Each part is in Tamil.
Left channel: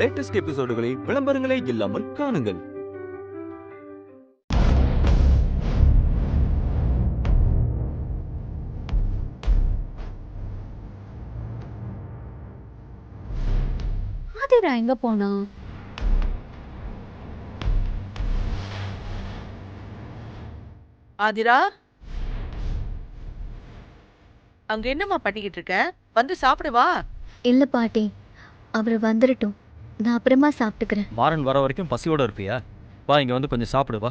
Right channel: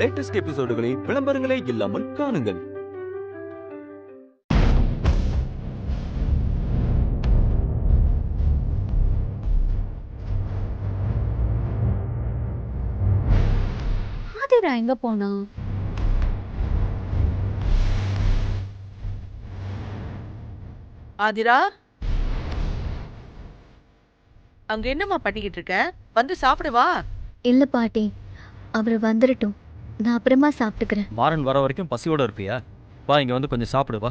லேட்டஸ்ட் எபிசோடுகளை விளம்பரங்களே இல்லாமல் காணுங்கள். ஆதிரா எங்க போனா? ஆதிரா, அங்க என்னம்மா பண்ணிக்கிட்டு இருக்க? வந்து சாப்பிடு வா. இல்ல பாட்டி, அவர் வந்துடட்டும், நான் அப்புறமா சாப்பிட்டுக்கிறேன். மாறன் வர வரைக்கும் பசியோட இருப்பியா? வா, இங்க வந்து கொஞ்சம் சாப்பிடு வா.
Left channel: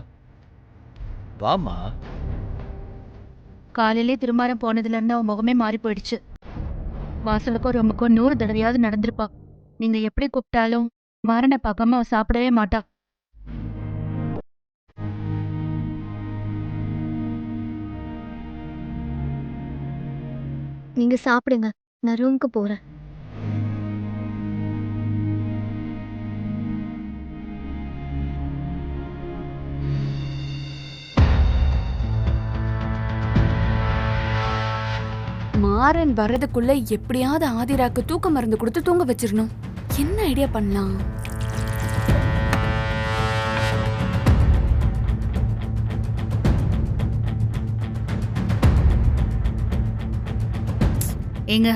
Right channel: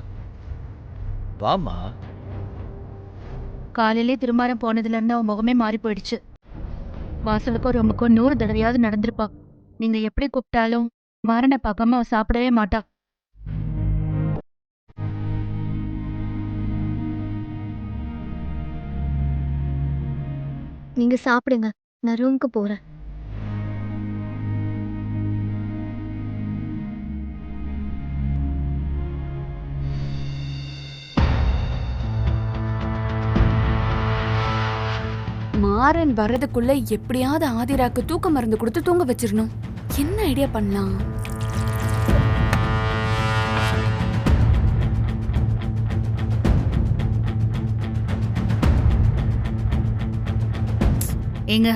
வாமா. காலையிலே திருமாரம் போனதுல இருந்து அவன் முகமே மாறி போயிடுச்சு. வாசலுக்கும் ரொம்பக்கும் 100 தடவையாவது நடந்திருப்பா. நீங்க எப்படி கூப்பிட்டாலும் மாறனை பார்க்காம அவன் சாப்பிடவே மாட்டா. நீங்க சாப்பிடுங்க, நான் ரூமுக்கு போறேன். மாறன் வர்றதுக்குள்ள எப்படியாவது ஆதிராக்கு தூக்க மருந்து கொடுத்து தூங்க வச்சிடணும். என்ன ஐடியா பண்ணலாம்? ஏங்க,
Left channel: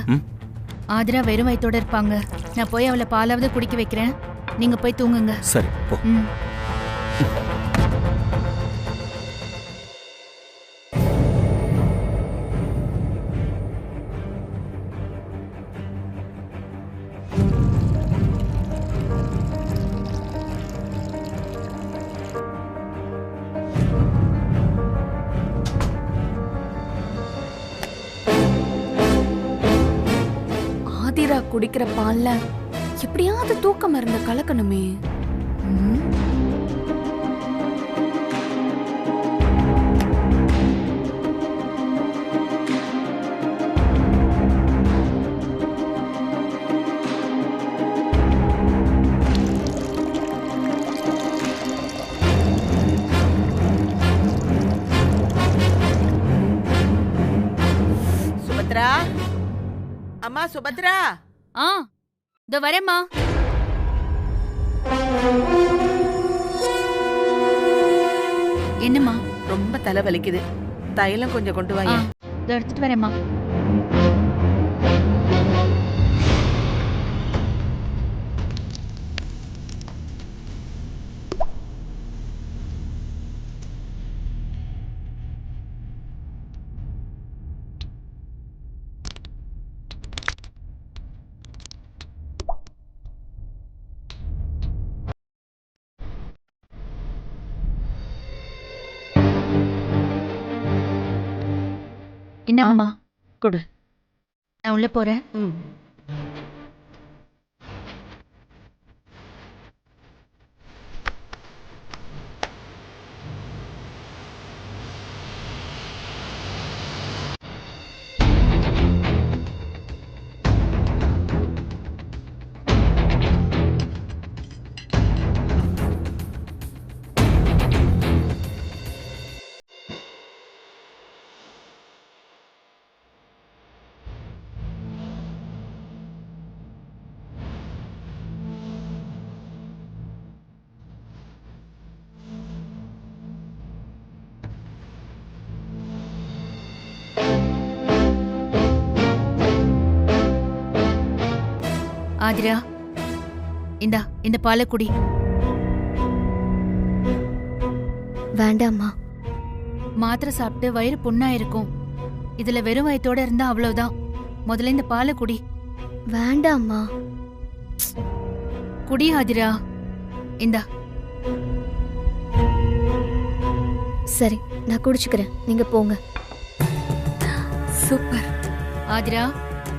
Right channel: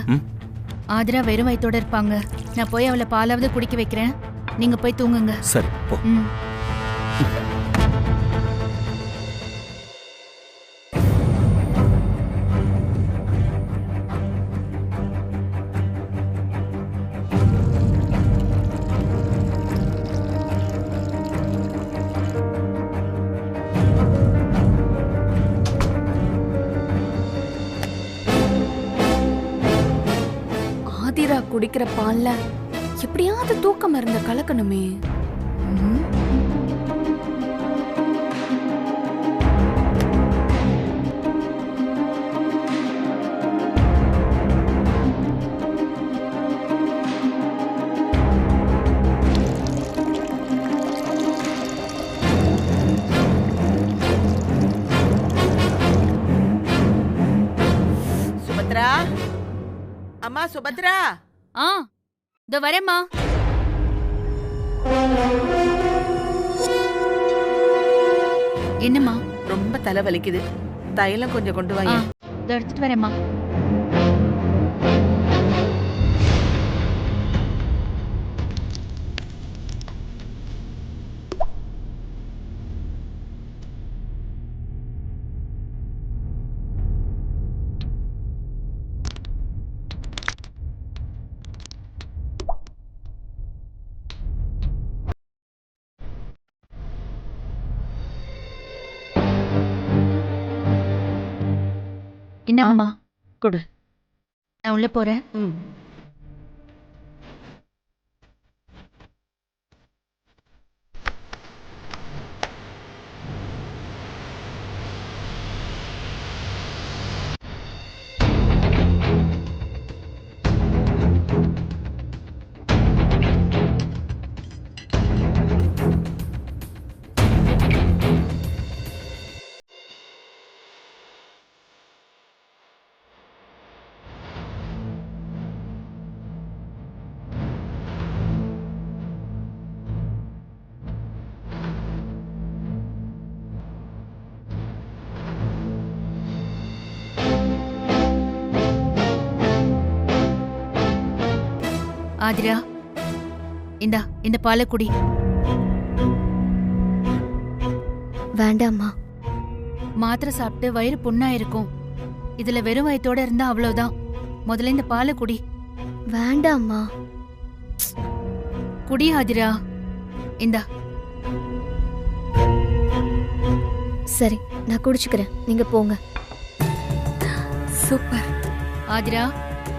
ஆதிரா வெறும் வயித்தோட இருப்பாங்க. நான் போய் அவளை பாலாவது குடிக்க வைக்கிறேன். நீங்க போய் தூங்குங்க. சரி போ. ம். ஆதிரா குடிக்கிற பால்ல எப்படியாவது தூக்க மருந்த கலக்கணுமே. ம். சுபத்ரா, அம்மா சுபத்ரா. ஆ, இதோ வரேம்மா. என்னம்மா? ரொம்ப தலை வலிக்குது. தைலம் கொஞ்சம் கொண்டு ஆ, வாங்க. இதோ எடுத்துட்டு வரேம்மா. என்னம்மா? கொடு. நான் உள்ள போறேன். ம். ஆதிரா, இந்த பாலை குடி. வேண்டாம்மா. மாத்திரை சாப்பிட்டு வயிறு புண்ணா இருக்கும். இதுல வெறும் வயித்தோட இருந்தா அவ்வளவுதான். முதல்ல இந்த பாலை குடி. வேண்டாம்மா. குடி ஆதிரா. இந்தா. சரி, நான் குடிச்சுக்கிறேன், நீங்க போங்க. சூப்பர். ஆதிரா,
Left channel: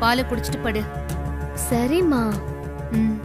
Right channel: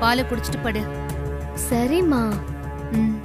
பாலை குடிச்சிட்டு படு. சரிம்மா. ம்.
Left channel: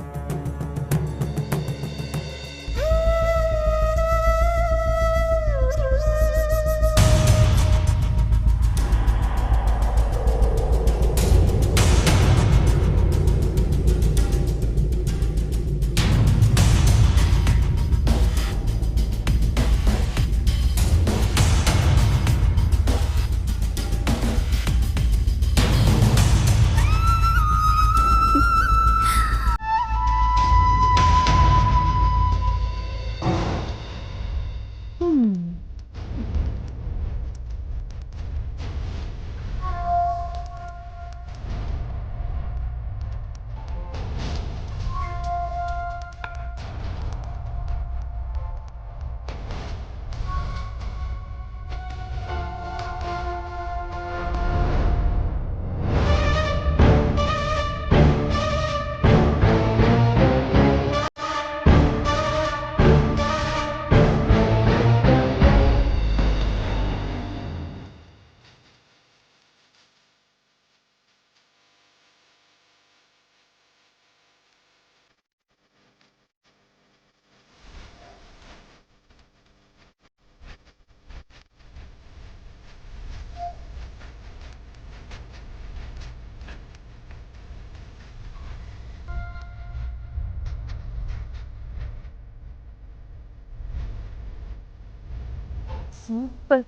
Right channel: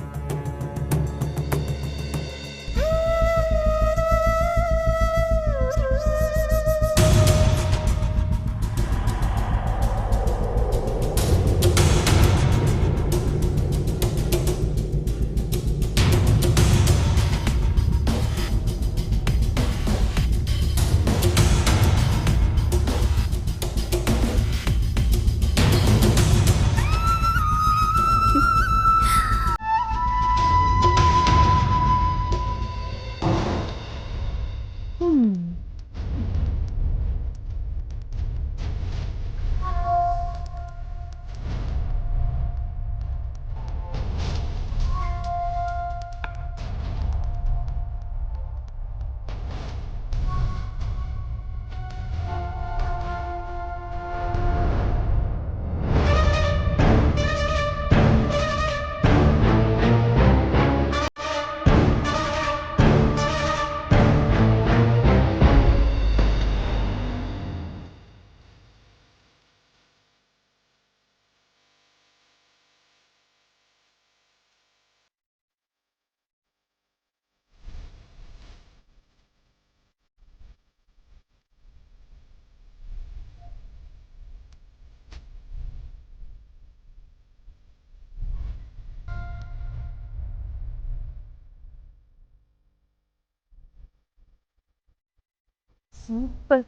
சூப்பர்.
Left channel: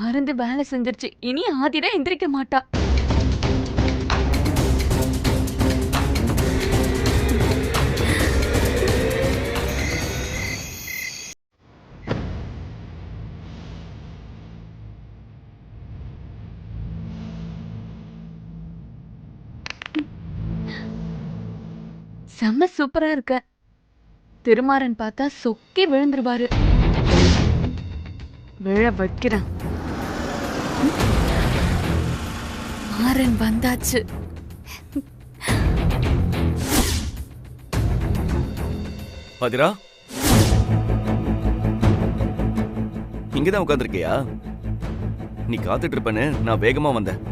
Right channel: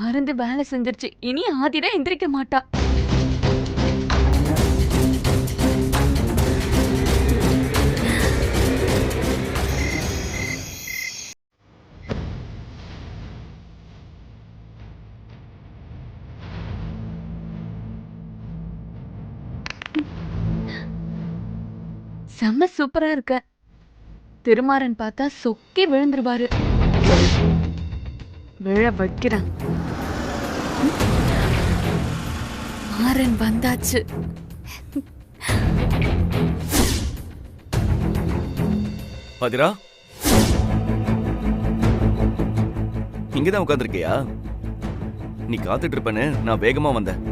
மருந்து வேலை செஞ்சிருச்சு. இனி ஆதிரா எந்திரிக்க மாட்டா. செம்ம சூப்பரா இருக்க. திருமாறன் பார்த்தா சொக்கி விழுந்துருவாரு. விழ வைக்கிறேன். மாறன் வந்தாச்சு. ஆதிரா, இங்கதான் உட்காந்துருக்கியா? நீ காத்துட்டு இருப்பேன்னு நான் வேகமா வந்தேன்.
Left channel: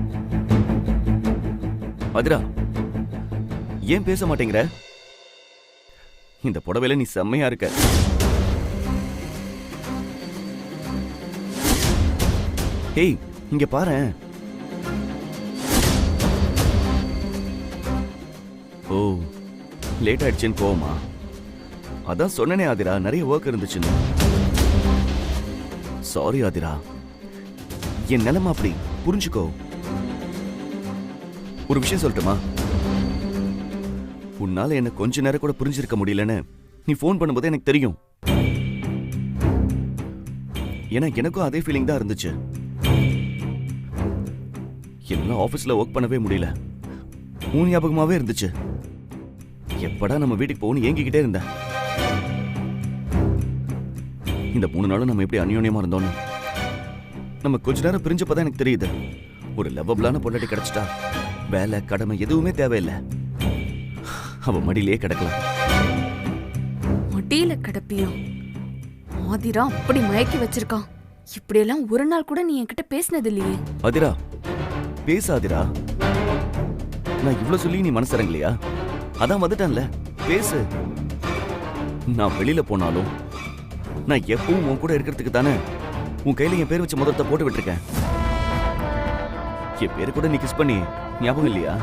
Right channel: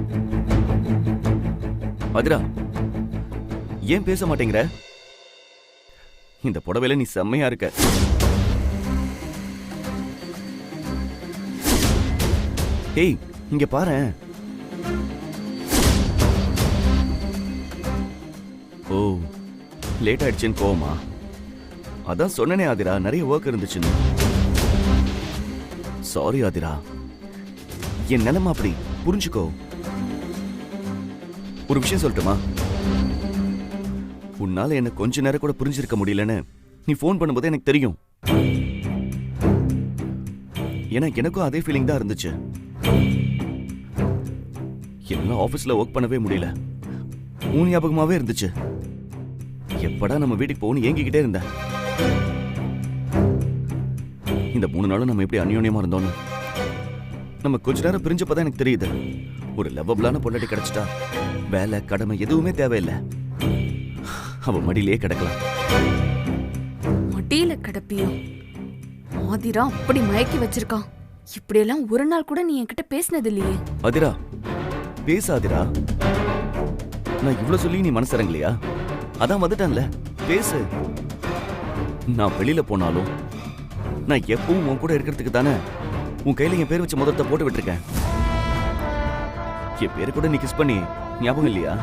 ஆதிரா, ஏன் பேச மாட்டேங்கிற? இந்த புடவையில நீ செம்மையா இருக்க. ஏய், இங்க பாரேன். ஓ, லேட் ஆயிடுச்சுன்னு கோவமா? அதான் சொன்னனே ஆதிரா, நிறைய ஒர்க் இருந்துச்சுன்னு. சாரி ஆதிரா, என் நிலைமை அப்படி, புரிஞ்சுக்கோ. ஒரு விஷயம் சொல்லட்டுமா? உன்னால என்ன கொஞ்ச நேரம் கூட புரிஞ்சிருக்க முடியலன்னு நீ ஃபோன் பண்ணும்போது எனக்கு தெரியும். ஏன்னா எனக்கும் அதே ஃபீலிங் தான் இருந்துச்சு. என்னால ஆபீஸ்ல ஒர்க் பண்ணவே முடியல. உன் ஞாபகமாவே இருந்துச்சு. எப்படா நம்ம வீட்டுக்கு போகணும் ஏங்கிக்கிட்டே இருந்தேன். இந்த 3 நாளும் நம்ம எப்படி அந்யோன்யமா இருந்தோம்னு நம்ம கொஞ்ச நேரம் பிரிஞ்சப்பதான் எனக்கு தெரியுது. ஒரு லவ்வபிளான பொண்டாட்டி கிடைச்சிட்டா வேலை கடமை எதுவுமே தேவையில்லை. அவ மடியிலேயே கிடக்கலாம். மடியில கிடப்பியும் ஆதிரா அப்படி மயக்கி வச்சிருக்கான். இப்படியெல்லாம் ஒரு நாள் கூட நீ என்கிட்ட பேசினது இல்லையே. ஆதிரா, பேசாதிரா. நான் இவ்வளவு சொல்லி நீ மனசரங்கலையா? அதான் வந்துட்டான்ல, பேசு. நான் வெளியில போனாலும் நான் எப்பவும் உன் கூட இருக்கிறதுக்கு தானே உன் கையில என் பேர் வச்ச முதல்ல போட்டு விட்டுருக்கேன். என் பேரு கூட நீ கிஸ் பண்ணி ஞாபகம் இல்லையா?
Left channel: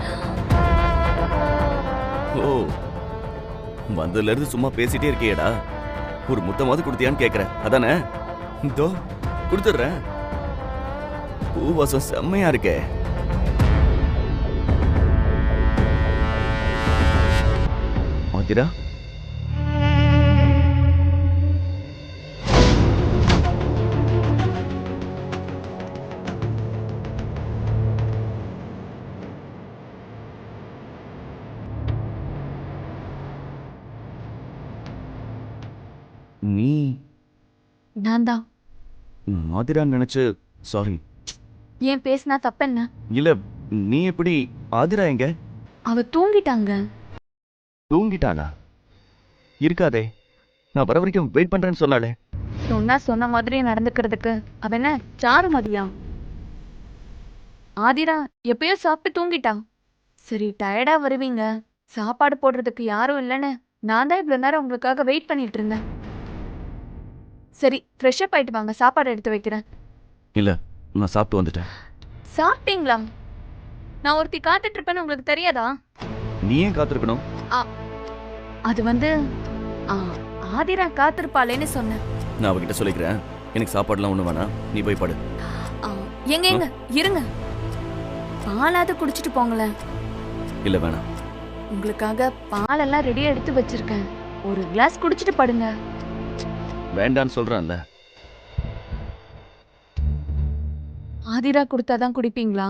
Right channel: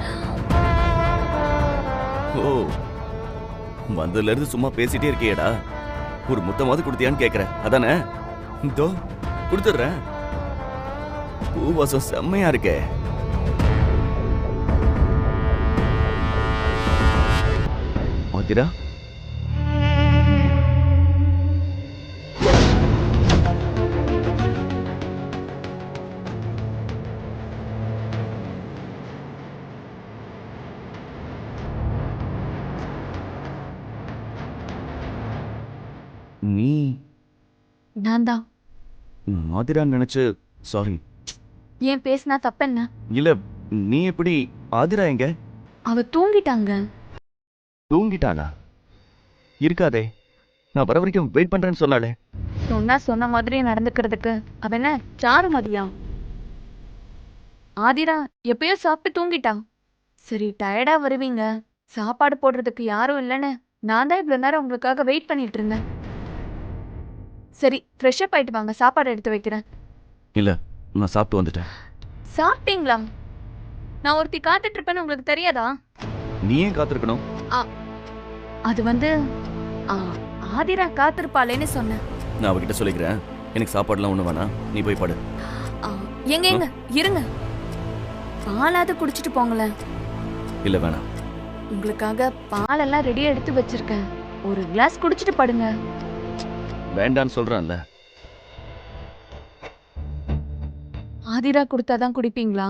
ஓ, வந்ததுல இருந்து சும்மா பேசிட்டே இருக்கியேடா. ஒரு முத்தமாவது கொடுத்தியான்னு கேக்குற, அதானே? இதோ கொடுத்துடுறேன். பூவாசம் செம்மையா இருக்கே. ஆதிரா, நீ நான் தான். ஆதிரா நினைச்சு சாரி. ஏன் பேசினா தப்பென்ன? இல்ல, நீ எப்படி? ஆதிரா எங்க? அவ தூங்கிட்டாங்க. தூங்கிட்டானா? இருக்காதே, நான் வர வரைக்கும் வெயிட் பண்றேன்னு சொன்னாலே. சொன்ன மாதிரி நடந்துக்கிறதுக்கு அவ என்ன சாரு மதியா? ஆதிரா எப்பயோ சாப்பிட்டு தூங்கிட்டா. சரி, டயர்டா வருவீங்க, சாப்பாடு போடுறதுக்கு யாரும் இல்லைன்னு நான் தான் இவ்வளவு நேரம் உங்களுக்காக வெயிட் பண்ணிட்டு இருந்தேன். சரி, ஃப்ரெஷ் அப் ஆயிட்டு வாங்க, சாப்பாடு எடுத்து வைக்கிறேன். இல்ல, நான் சாப்பிட்டு வந்துட்டேன். சாப்பிட்டீங்களா? நான் ஒருத்தி காத்துட்டு இருப்பேன்னு உங்களுக்கு தெரியாதா? நீ ஏன் காத்திருக்கணும்? அது வந்து ஆதிரா காத்திருப்பாளேன்னு சொன்னேன். நான் அவகிட்ட சொல்லிக்கிறேன். எனக்கு சாப்பாடுலாம் ஒண்ணு வேணாம், நீ போய் படு. எங்க இருங்க, பாலாவது குடிச்சிட்டு போங்களேன். இல்ல, வேணாம். உங்களுக்காக பாலெல்லாம் ரெடியா எடுத்து வச்சிருக்கேன். ஒரு கிளாஸ் குடிச்சிட்டு படுங்க. வேண்டான்னு சொல்றான்ல. ஆதிரா கொடுத்தாதான் குடிப்பீங்களா?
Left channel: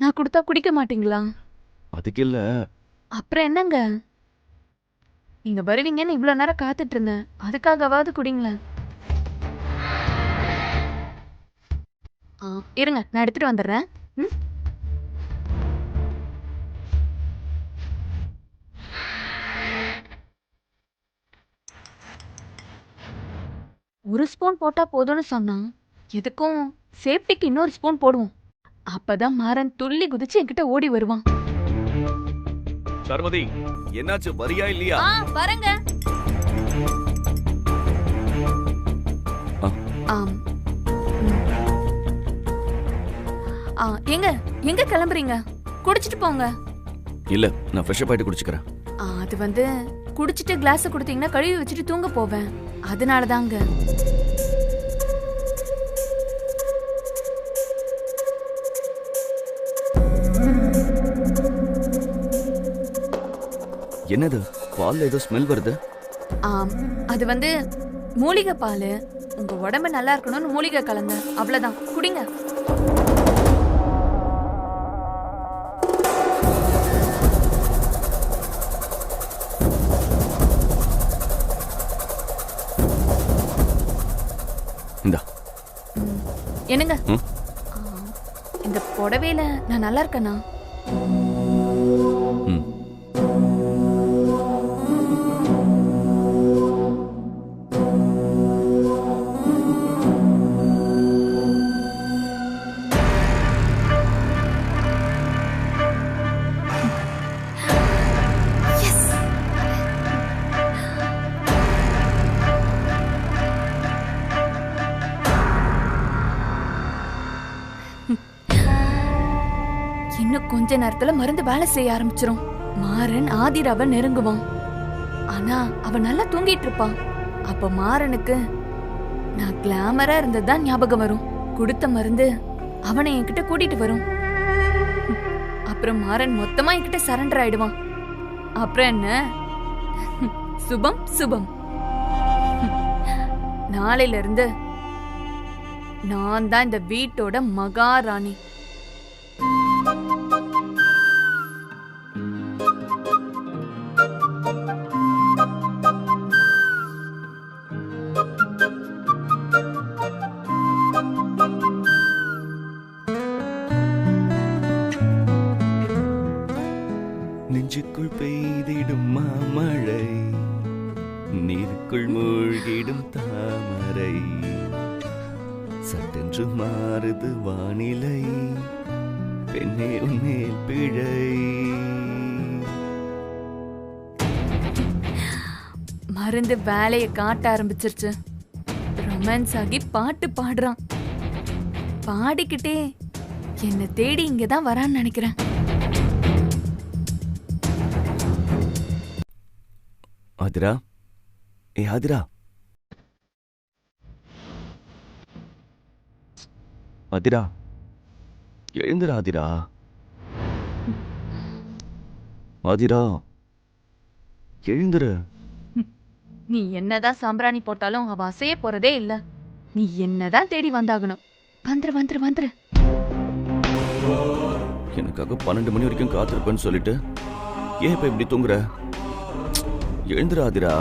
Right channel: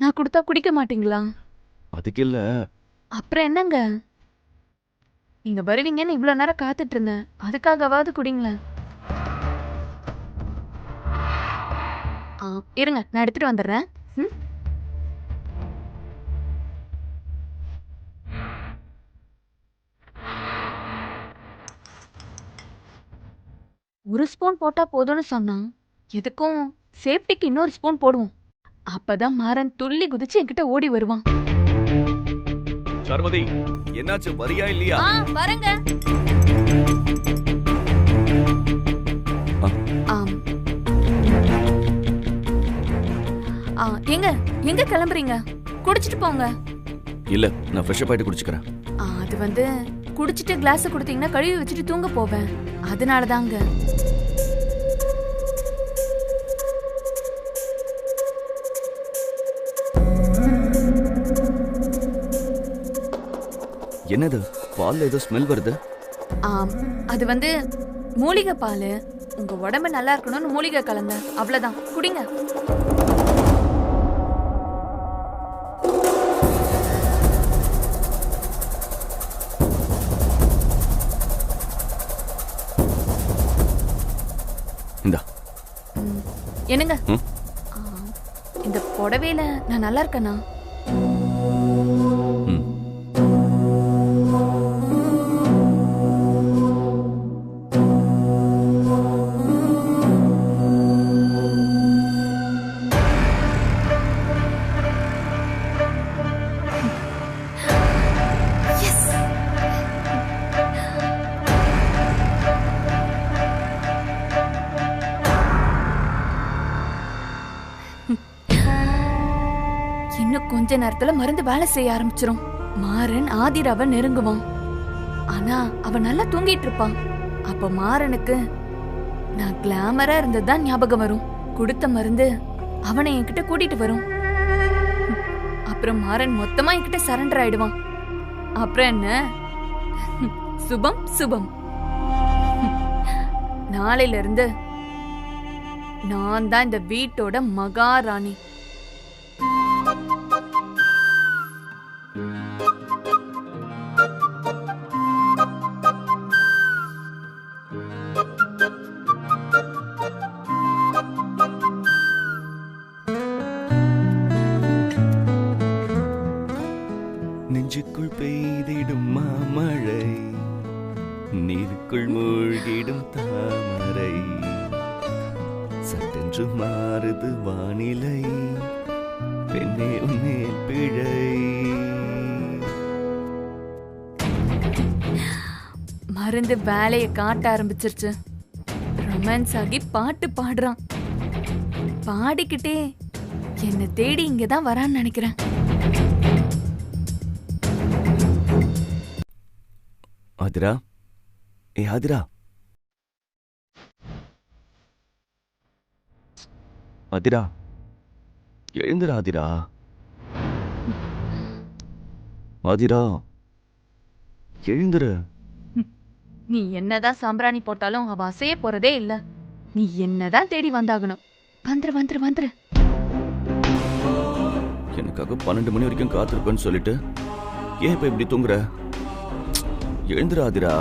நான் கொடுத்தா குடிக்க மாட்டீங்களா? அதுக்கு இல்ல. அப்புறம் என்னங்க? நீங்க வருவீங்கன்னு இவ்வளவு நேரம் காத்துட்டு இருந்தேன், அதுக்காகவாவது குடிங்களேன். இருங்க, நான் எடுத்துட்டு வந்துடுறேன். ஒரு ஸ்பூன் போட்டா போதும்னு சொன்னான். எதுக்கும் சேஃப்டிக்கு இன்னொரு ஸ்பூன் போடுவோம். அப்பதான் மாறன் துள்ளி குதிச்சு என்கிட்ட ஓடி வருவான். சர்மதி, என்னாச்சு? வரியா இல்லையா? வரங்க. எங்க கிளம்புறீங்க? குடிச்சிட்டு போங்க. இல்ல, நான் ஃப்ரெஷ் அப் ஆயிட்டு குடிச்சுக்கிறேன். அது வந்து குடிச்சிட்டு கிளாஸ் கொடுத்தீங்கன்னா கழுவி வச்சுட்டு தூங்க போவேன், அதனாலதாங்க. என்னது பால்ல ஏதோ ஸ்மெல் வருது? ஆம், அது வந்து மூலிகை பால். உங்க உடம்பு நல்லா இருக்கணும்னு மூலிகை கலந்த, அவ்வளவுதான். குடிங்க. இந்தா. என்னங்க? ம்? இந்த புடவையில நான் நல்லா இருக்கேனா? ம். இன்னும் கொஞ்ச நேரத்துல மருந்து வேலை செய்ய ஆரம்பிச்சிரும். மாறன் ஆதிராவை நெருங்குவான். ஆனா அவன் நல்லா தூங்கிட்டு இருப்பான். அப்ப மாறனுக்கு நான் கிளாமரா இருந்ததுதான் ஞாபகம் வரும். கொடுத்த மருந்து அவனை என்கிட்ட கூட்டிட்டு வரும். அப்புறம் மாறன் மொத்தமா என்கிட்ட சரண்டர் ஆயிடுவான். அப்புறம் என்ன? சுபம் சுபம். நாளையில இருந்து நான் தான் இந்த வீட்டோட மகாராணி. நெஞ்சுக்குள் பெய்திடும் மாமழை, நீருக்குள் மூழ்கிடும் தாமரை, சட்டென்று மாறுது வானிலை, பெண்ணே உன்மேல் பிழை. மருந்து வேலைய காட்ட ஆரம்பிச்சிருச்சு. ரொமான்ஸ் ஆகி பாட்டு பாடுறான். பாடிக்கிட்டே என்ன தேடி இங்கதான் வரான்னு நினைக்கிறேன். ஆதிரா, ஏ ஆதிரா, ஆதிரா, எழுந்துடா ஆதிரா. ஆதிரா, எழுந்துரு. நீ என்னதான் சாம்பிராணி போட்டாலும் அவ அசைய போறதே இல்ல. நீ என்னதான் தேடி வந்தாகணும். வந்துரு வந்துரு வந்துரு. எனக்காக 12 மணி வரைக்கும் காத்திருப்பேன்னு சொல்லிட்டு ஏன் இப்ப இப்படி தூங்குற? எழுந்துரு ஆதிரா.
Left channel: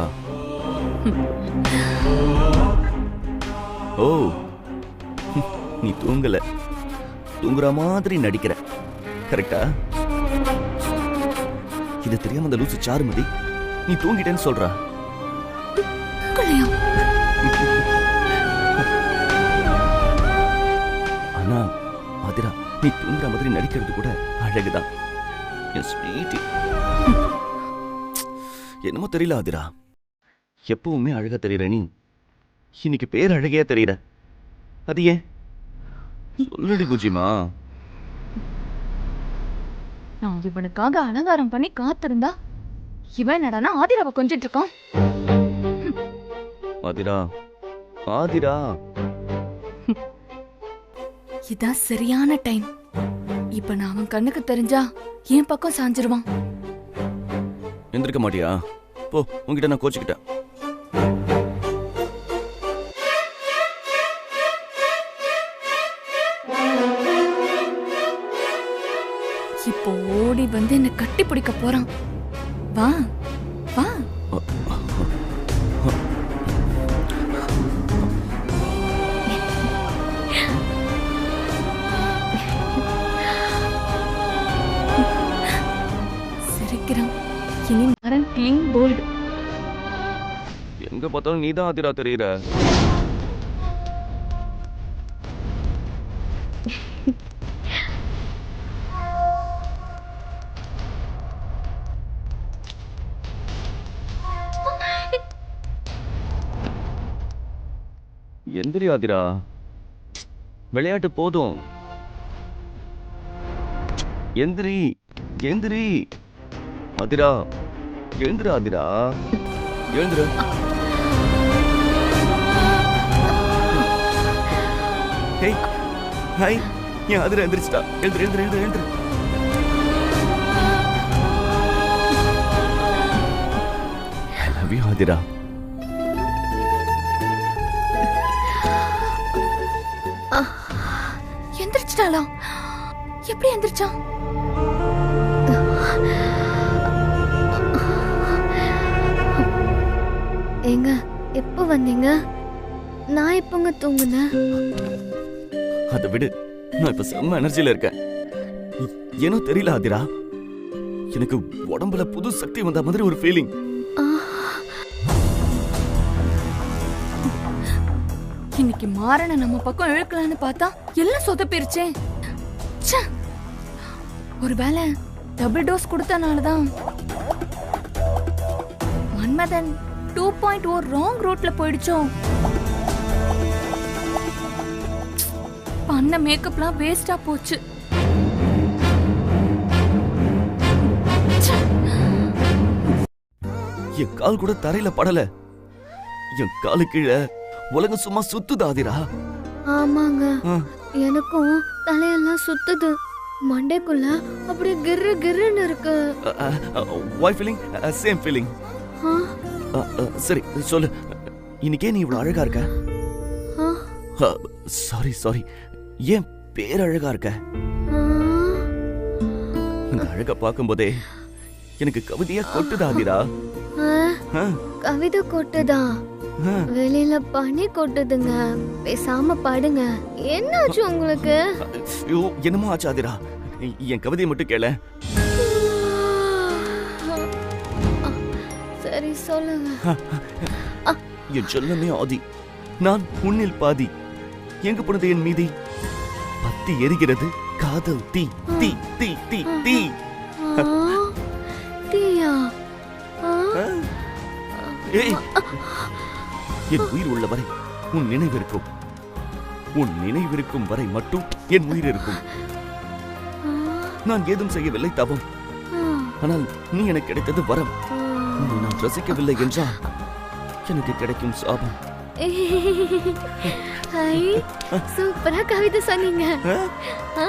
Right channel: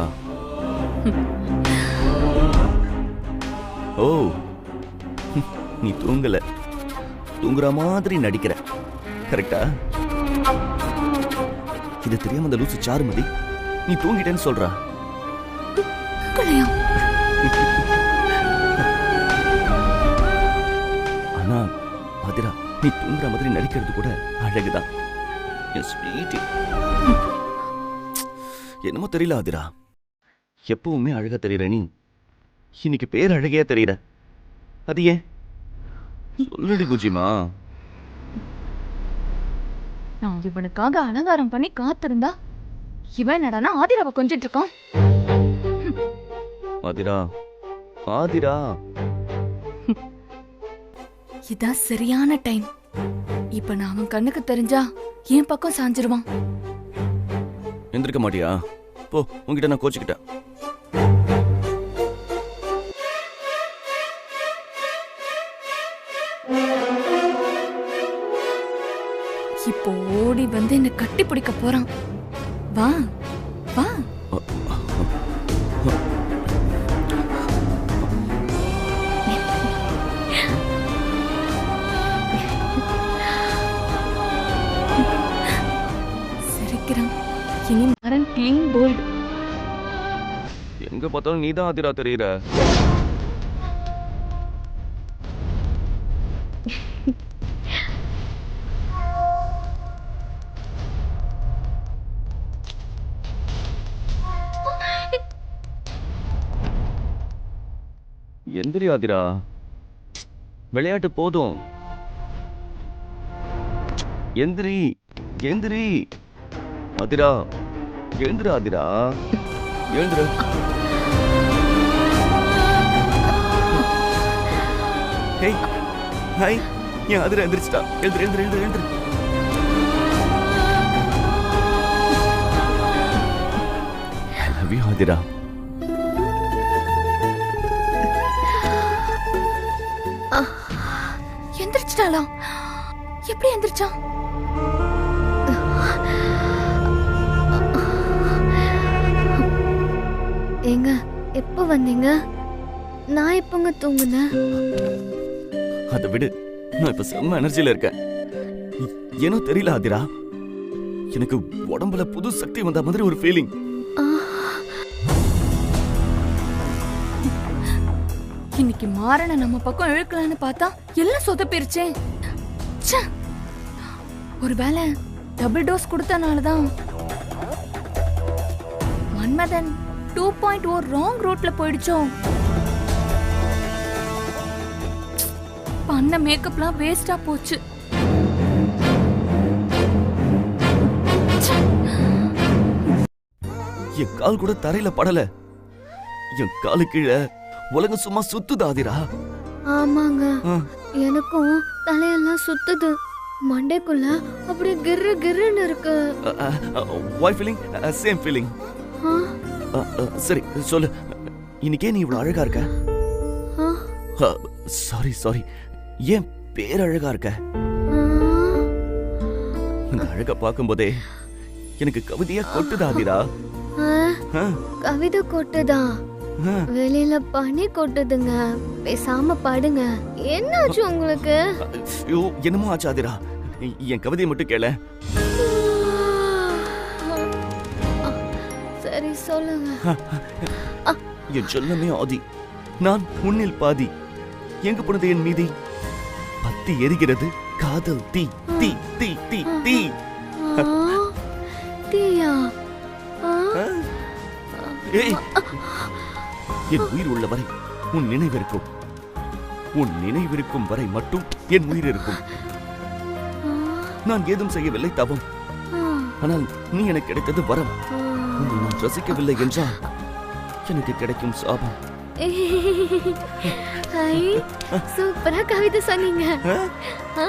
ஓ, நீ தூங்கல, தூங்குற மாதிரி நடிக்கிற, கரெக்டா? இது தெரியாம அந்த லூசு சாருமதி நீ தூங்கிட்டேன்னு சொல்றா. ஆனா ஆதிரா, நீ தூங்குற மாதிரி நடிக்கிறது கூட அழகுதான். என் ஸ்வீட்டி. என்னமோ தெரியல ஆதிரா, எப்பவுமே அழகா தெரியற நீ இன்னைக்கு பேர் அழகையா தெரியற. அது ஏன் சொல்லுடி பூஜிமா. நான் இவனுக்காக அலங்காரம் பண்ணி காத்திருந்தா இவன் என்னடானா ஆதிராவை கொஞ்சிட்டு இருக்கான். ஆதிரா, ஆதிரா, இதான் சரியான டைம். இப்ப நான் அவன் கண்ணுக்கு தெரிஞ்சா என் பக்கம் சாஞ்சிருவான். எந்திருக்க மாட்டியா? போ, உன்கிட்ட நான் கோச்சுக்கிட்டேன். இப்போ ஓடி வந்து என்ன கட்டி பிடிக்க போறான். வா வா. சிரிக்கிறான். இனி மரன் கிளீன் போல்டு. எங்க பார்த்தாலும் நீதான் ஆதிரா தெரியற. எந்திரி ஆதிரா, விளையாட்டு போதும். எந்திரி எந்திரி ஆதிரா, எழுந்துரு ஆதிரா, எழுந்துரு. ஹேய், ஹாய், ஏன் ஆதிரா எந்திரிச்சிட்டா? எழுந்துரு எழுந்துரு எழுந்துரு எழுந்துரு. Love you Aathira. எந்திரிச்சிட்டாளா? எப்படி எந்திரிச்சா? ஏங்க எப்போ வந்தீங்க? நான் எப்போங்க தூங்குனேன்? அதை விடு, நான் இப்ப செம்ம எனர்ஜில இருக்கேன். ஏனோ தெரியல ஆதிரா, எனக்கு உடம்புல புது சக்தி வந்த மாதிரி ஒரு ஃபீலிங். இன்னைக்கு மாறன நம்ம பக்கம் இழுக்கலான்னு பார்த்தா எல்லாம் சொதப்பிருச்சே. ச்சே. ஒருவேளை டபுள் டோஸ் கொடுத்தனாலதான் மன்மதன் 2.0 ராங் ரூட்ல போயிடுச்சோ. பண்ண மேக்கப்லாம் வேஸ்டா போச்சு. என் கால் கூட தரையில படல. என் காலு கீழே உலகம் சும்மா சுத்துது ஆதிரா. ஆமாங்க, ஆ. எனக்கும் தலையெல்லாம் சுத்துது. மண்டைக்குள்ள அப்படியே கிர்ரு கிர்ருன்னு இருக்கு. வாய் ஃபீலிங், சேம் ஃபீலிங். ஆ, சரி சொல்லு, இன்னைக்கே நீ இவ்வளவு அழகா இருக்க? ஆ, சாரி சாரி, ஏன் பேரழகா இருக்க? ஆ. இந்த அழகா பார்க்கும்போதே எனக்கு கவிதையா கொட்டுது ஆதிரா. ஆ, கவிதை கொட்டுதா? வெளியில பனி கொட்டுதுங்க. பேசாம பாடுங்க. என்னாச்சு உங்களுக்கு? ஐயோ, என்னமோ ஆச்சு ஆதிரா. என் கவிதையை மட்டும் கேள. சரி சொல்லுங்க. என் செல்லமே ஆதி, நான் உன்னில் பாதி. எங்க போனது என் மீதி? பத்தி எரிகிறது காதல் தீ தீ தீ தீ தீ. ஆ, தீயா? ஆ, ஏய், என் உயிர் உள்ள வரை உன் நினைவிருக்கும். உன் நினைவிருக்கும் வரை மட்டும் என் உயிர் இருக்கும். நான் ஏதும் செய்யவில்லை தவம், ஆனால் நீ எனக்கு கிடைத்தது வரம். உன்னை நான் ரசிக்கவில்லை என்றால் எனக்கு கிடைக்கும் சாபம். ஐ, சூப்பரா கவிதை சொன்னீங்க. ஆ.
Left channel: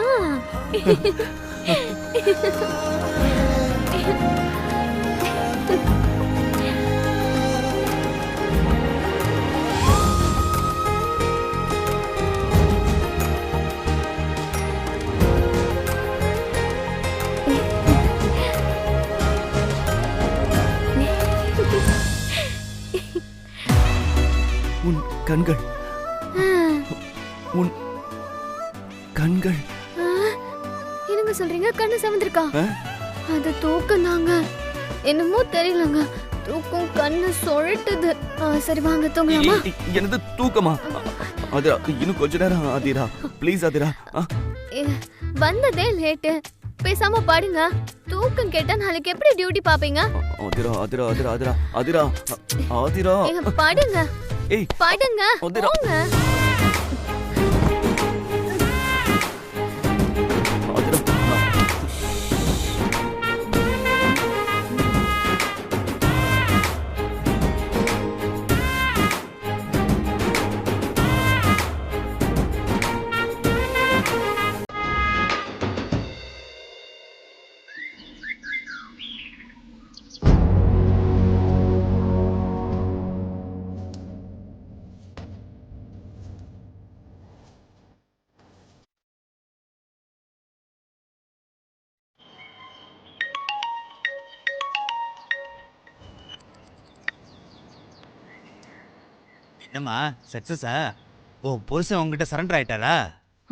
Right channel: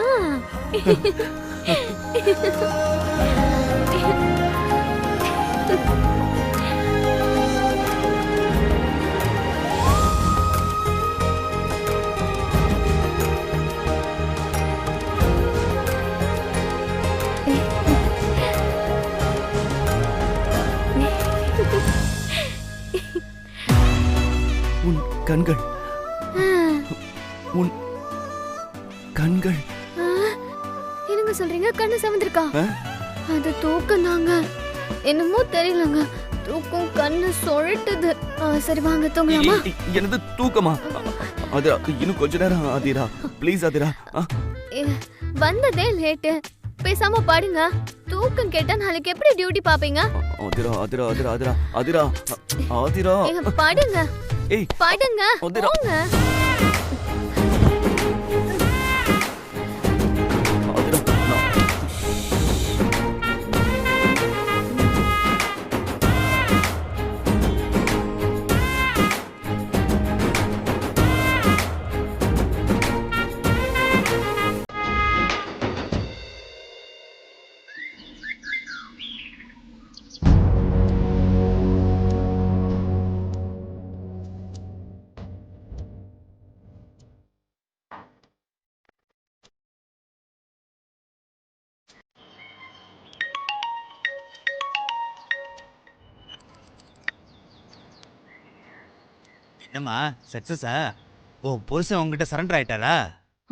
உன் கண்கள், உன் கண்கள். என்னங்க சொல்றீங்க? கண்ணு சவந்திருக்கா? அது தூக்கம் தாங்க. என்னமோ தெரியலங்க, தூக்கம் கண்ணு சொழட்டுது. சரி வாங்க தூங்கலாமா? எனது தூக்கமா? ஆதிரா, இன்னும் கொஞ்ச நேரம் ஆதிரா, ப்ளீஸ் ஆதிரா. வந்ததே லேட்டு, பேசாம பாடுங்க. தூக்கம் கேட்டா நாளைக்கு எப்படி டியூட்டி பாப்பீங்க? ஆதிரா ஆதிரா ஆதிரா ஆதிரா ஆதிரா ஆதிரா. பாடுங்க. ஏய், பாடுங்க. ஆதிரா. போங்க. ஆதிரா, நான் என்னம்மா சக்சஸா? ஓ, புருஷன் உங்ககிட்ட சரண்டர் ஆயிட்டாரா?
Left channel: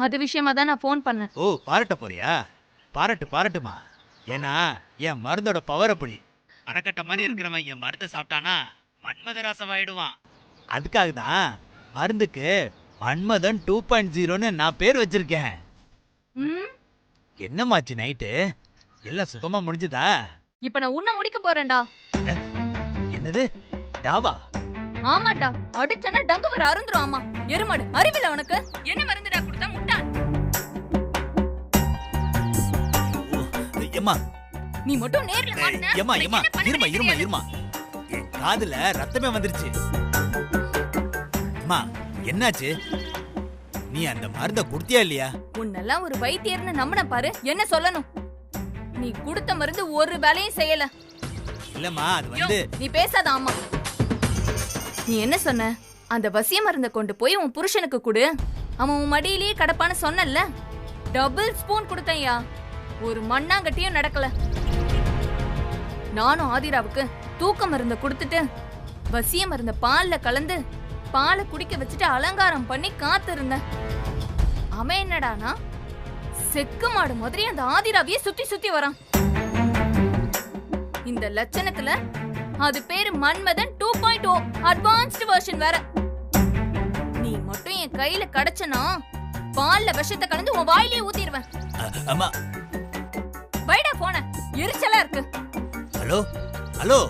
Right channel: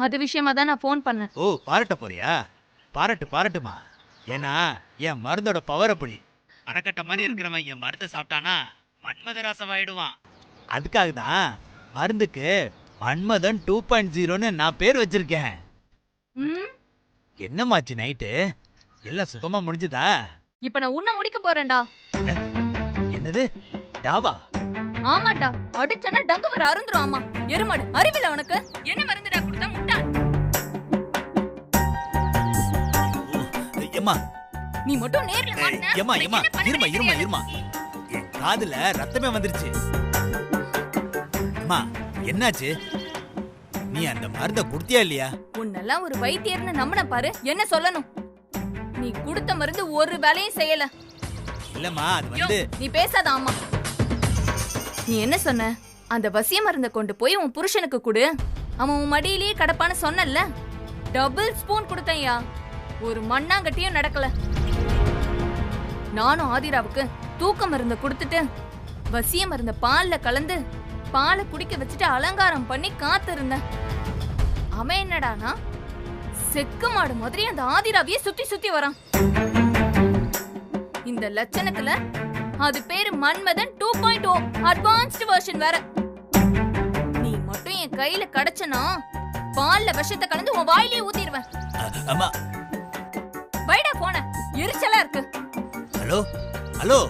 அது விஷயமா தான் நான் ஃபோன் பண்ணேன். ஓ, பாராட்ட போறியா? பாராட்டுமா. ஏன்னா என் மருந்தோட பவர் அப்படி. அறக்கட்ட மாதிரி இருக்கிறவன் என் மருந்தை சாப்பிட்டானா மன்மதராசமாயிடுவான். அதுக்காக தான் மருந்துக்கு மன்மதன் 2.0ன்னு நான் பேர் வச்சிருக்கேன். என்னமாச்சு நைட்டு? எல்லாம் சுத்தமா முடிஞ்சுதா? இப்ப நான் உன்னை முடிக்க போறேன்டா. என்னது டாவா? ஆமாடா, அடிச்சனா டங்கு வர அருந்துரும். ஆமா, எருமாடு அறிவில்ல உனக்கு? என்ன மருந்துடா கொடுத்தா முட்டா? ஏம்மா நீ மட்டும் நேர்ல மாட்டினா ஏம்மா இருமா என் காதுல ரத்தமே வந்துருச்சு. அம்மா என்னாச்சு? நீ அந்த மருந்த குடுத்தியா இல்லையா? உன்னெல்லாம் ஒரு வைத்தியர்னு நம்பின பாரு. என்ன சொல்லணும்? நீ கொடுத்த மருந்து ஒரு வேலையும் செய்யல. இல்லம்மா, அது வந்து நீ பேசாத. ஆமா, நீ என்ன சொன்ன? அந்த வசிய மருந்த கொண்டு போய் உன் புருஷனுக்கு கொடு, அவன் உன் மடியிலேயே கடப்பான்னு சொன்னல்ல. டபுள் ஸ்பூன் கொடுத்தையா, ஒரு மண்ணாங்கட்டியும் நடக்கல. நானும் ஆதிராவுக்கு தூக்க மருந்த கொடுத்துட்டு வசிய மருந்த பால்ல கலந்து பாலை குடிக்க வச்சுட்டு அலங்காரம் பண்ணி காத்திருந்தேன். அவன் என்னடானா செக்கு மாடு மாதிரி அந்த ஆதிராவையே சுத்தி சுத்தி வரான். இந்த லட்சணத்துல அது பேரு மன்மதன் 2.0 அட்வான்ஸ்டு வெர்ஷன் வேற. நீ மட்டும் என் கையில கடச்சனா பால்ல விஷத்தை கலந்து உன் வாயிலே ஊத்திடுவேன். அம்மா வைடா போன, எரிச்சலா இருக்கு. Hello hello